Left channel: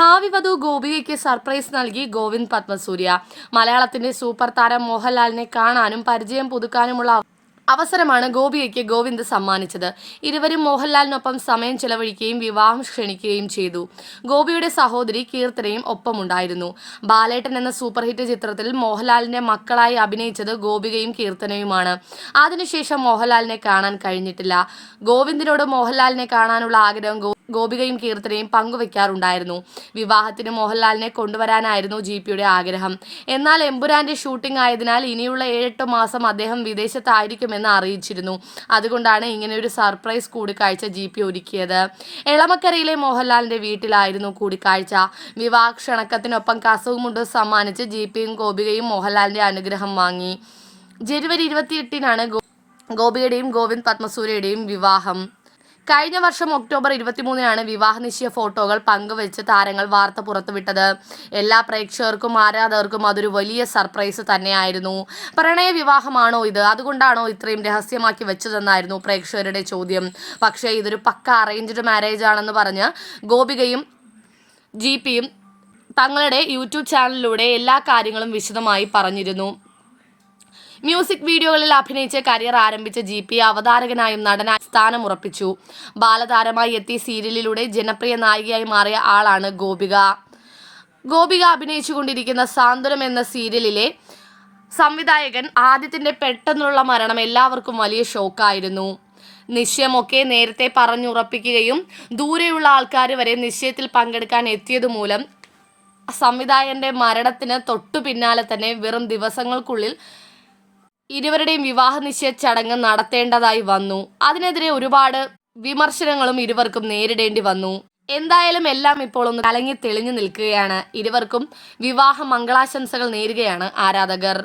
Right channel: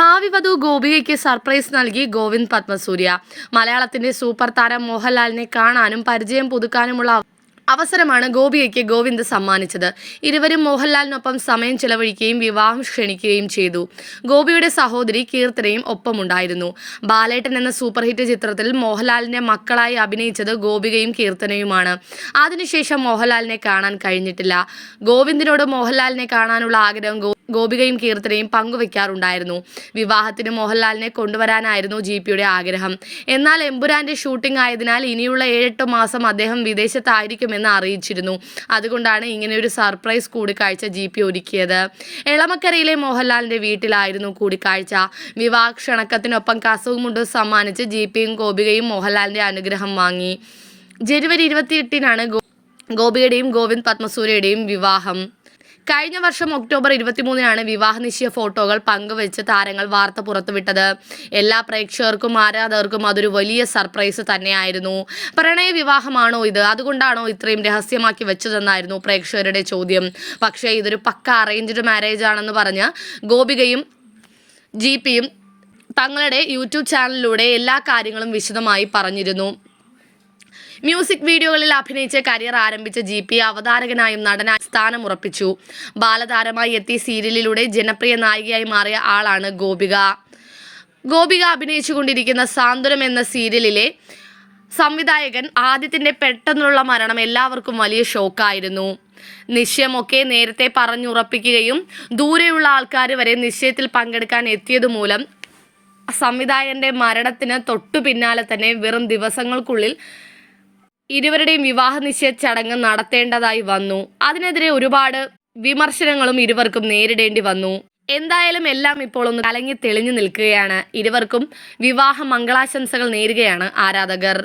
ഭാവി വധു ഗോപികയ്ക്ക് സർപ്രൈസ് നൽകി ഗോവിന്ദ് പത്മസൂര്യ. മലയാളത്തിന്റെ സൂപ്പർ താരം മോഹൻലാലിനെ കാണാനും പരിചയം പുതുക്കാനുമുള്ള അവസരമാണ് ഗോപികയ്ക്ക് ഗോവിന്ദ് സമ്മാനിച്ചത്. ഇരുവരും മോഹൻലാലിനൊപ്പം സമയം ചെലവഴിക്കുകയും വിവാഹം ക്ഷണിക്കുകയും ചെയ്തു. ഗോപിയുടെ സഹോദരി കീർത്തനയും ഒപ്പമുണ്ടായിരുന്നു. ബാലേട്ടൻ എന്ന സൂപ്പർ ഹിറ്റ് ചിത്രത്തിൽ മോഹൻലാലിന്റെ മക്കളായി അഭിനയിച്ചത് ഗോപികയും കീർത്തനയുമാണ്. അതിനുശേഷം മോഹൻലാലിനെ കാണാൻ കഴിഞ്ഞിട്ടില്ല. ഗോവിന്ദിനോട് മോഹൻലാലിനെ കാണാനുള്ള ആഗ്രഹം ഗോപികയും കീർത്തനയും പങ്കുവെക്കാറുണ്ടായിരുന്നു. വിവാഹത്തിന് മോഹൻലാലിനെ കൊണ്ടുവരാനായിരുന്നു ജി പിയുടെ ആഗ്രഹം. എന്നാൽ എമ്പുരാന്റെ ഷൂട്ടിംഗ് ആയതിനാൽ ഇനിയുള്ള ഏഴെട്ട് മാസം അദ്ദേഹം വിദേശത്തായിരിക്കുമെന്ന് അറിയിച്ചിരുന്നു. അതുകൊണ്ടാണ് ഇങ്ങനെ ഒരു സർപ്രൈസ് കൂടിക്കാഴ്ച ജി പി ഒരുക്കിയത്. എളമക്കരയിലെ മോഹൻലാലിന്റെ വീട്ടിലായിരുന്നു കൂടിക്കാഴ്ച. വിവാഹ ക്ഷണക്കത്തിനൊപ്പം കസവുമുണ്ടും സമ്മാനിച്ച് ജി പിയും ഗോപികയും മോഹൻലാലിന്റെ അനുഗ്രഹം വാങ്ങി. ജനുവരി ഇരുപത്തിയെട്ടിനാണ് ഗോപികയുടെയും ഗോവിന്ദ് പത്മസൂര്യയുടെയും വിവാഹം. കഴിഞ്ഞ വർഷം ഒക്ടോബർ ഇരുപത്തിമൂന്നിനാണ് വിവാഹ നിശ്ചയ ഫോട്ടോകൾ പങ്കുവെച്ച് താരങ്ങൾ വാർത്ത പുറത്തുവിട്ടത്. എല്ലാ പ്രേക്ഷകർക്കും ആരാധകർക്കും അതൊരു വലിയ സർപ്രൈസ് തന്നെയായിരുന്നു. പ്രണയ വിവാഹമാണോ ഇത്? അതുകൊണ്ടാണോ ഇത്രയും രഹസ്യമാക്കി വെച്ചതെന്നായിരുന്നു പ്രേക്ഷകരുടെ ചോദ്യം. പക്ഷേ ഇതൊരു പക്ക അറേഞ്ച്ഡ് മാരേജ് ആണെന്ന് പറഞ്ഞ് ഗോപികയും ജി പിയും തങ്ങളുടെ യൂട്യൂബ് ചാനലിലൂടെ എല്ലാ കാര്യങ്ങളും വിശദമായി പറഞ്ഞിരുന്നു. മ്യൂസിക് വീഡിയോകളിൽ അഭിനയിച്ച് കരിയർ ആരംഭിച്ച ജി പി അവതാരകനായും നടനായി സ്ഥാനമുറപ്പിച്ചു ബാലതാരമായി എത്തി സീരിയലിലൂടെ ജനപ്രിയ നായികയായി മാറിയ ആളാണ് ഗോപിക. ഗോപിക അഭിനയിച്ചുകൊണ്ടിരിക്കുന്ന സാന്ത്വനം എന്ന സീരിയലിലെ സംവിധായകൻ ആദ്യത്തിന്റെ പെട്ടെന്നുള്ള മരണം എല്ലാവർക്കും വലിയ ഷോക്കായിരുന്നു. നിശ്ചയമൊക്കെ നേരത്തെ പറഞ്ഞുറപ്പിക്കുകയും ദൂരെയുള്ള ആൾക്കാർ വരെ നിശ്ചയത്തിൽ പങ്കെടുക്കാൻ എത്തിയതുമൂലം സംവിധായകന്റെ മരണത്തിന് തൊട്ടു പിന്നാലെ തന്നെ വെറും ദിവസങ്ങൾക്കുള്ളിൽ ഇരുവരുടെയും വിവാഹ നിശ്ചയ ചടങ്ങ് നടത്തേണ്ടതായി വന്നു. അതിനെതിരെ ഒരുപാട് വിമർശനങ്ങളും ഇരുവർക്കും നേരിടേണ്ടി വന്നു. എന്തായാലും എല്ലാം ഇപ്പോൾ ഒന്ന് കലങ്ങി തെളിഞ്ഞു നിൽക്കുകയാണ്. ഇരുവർക്കും വിവാഹ മംഗളാശംസകൾ നേരുകയാണ് ആരാധകർ.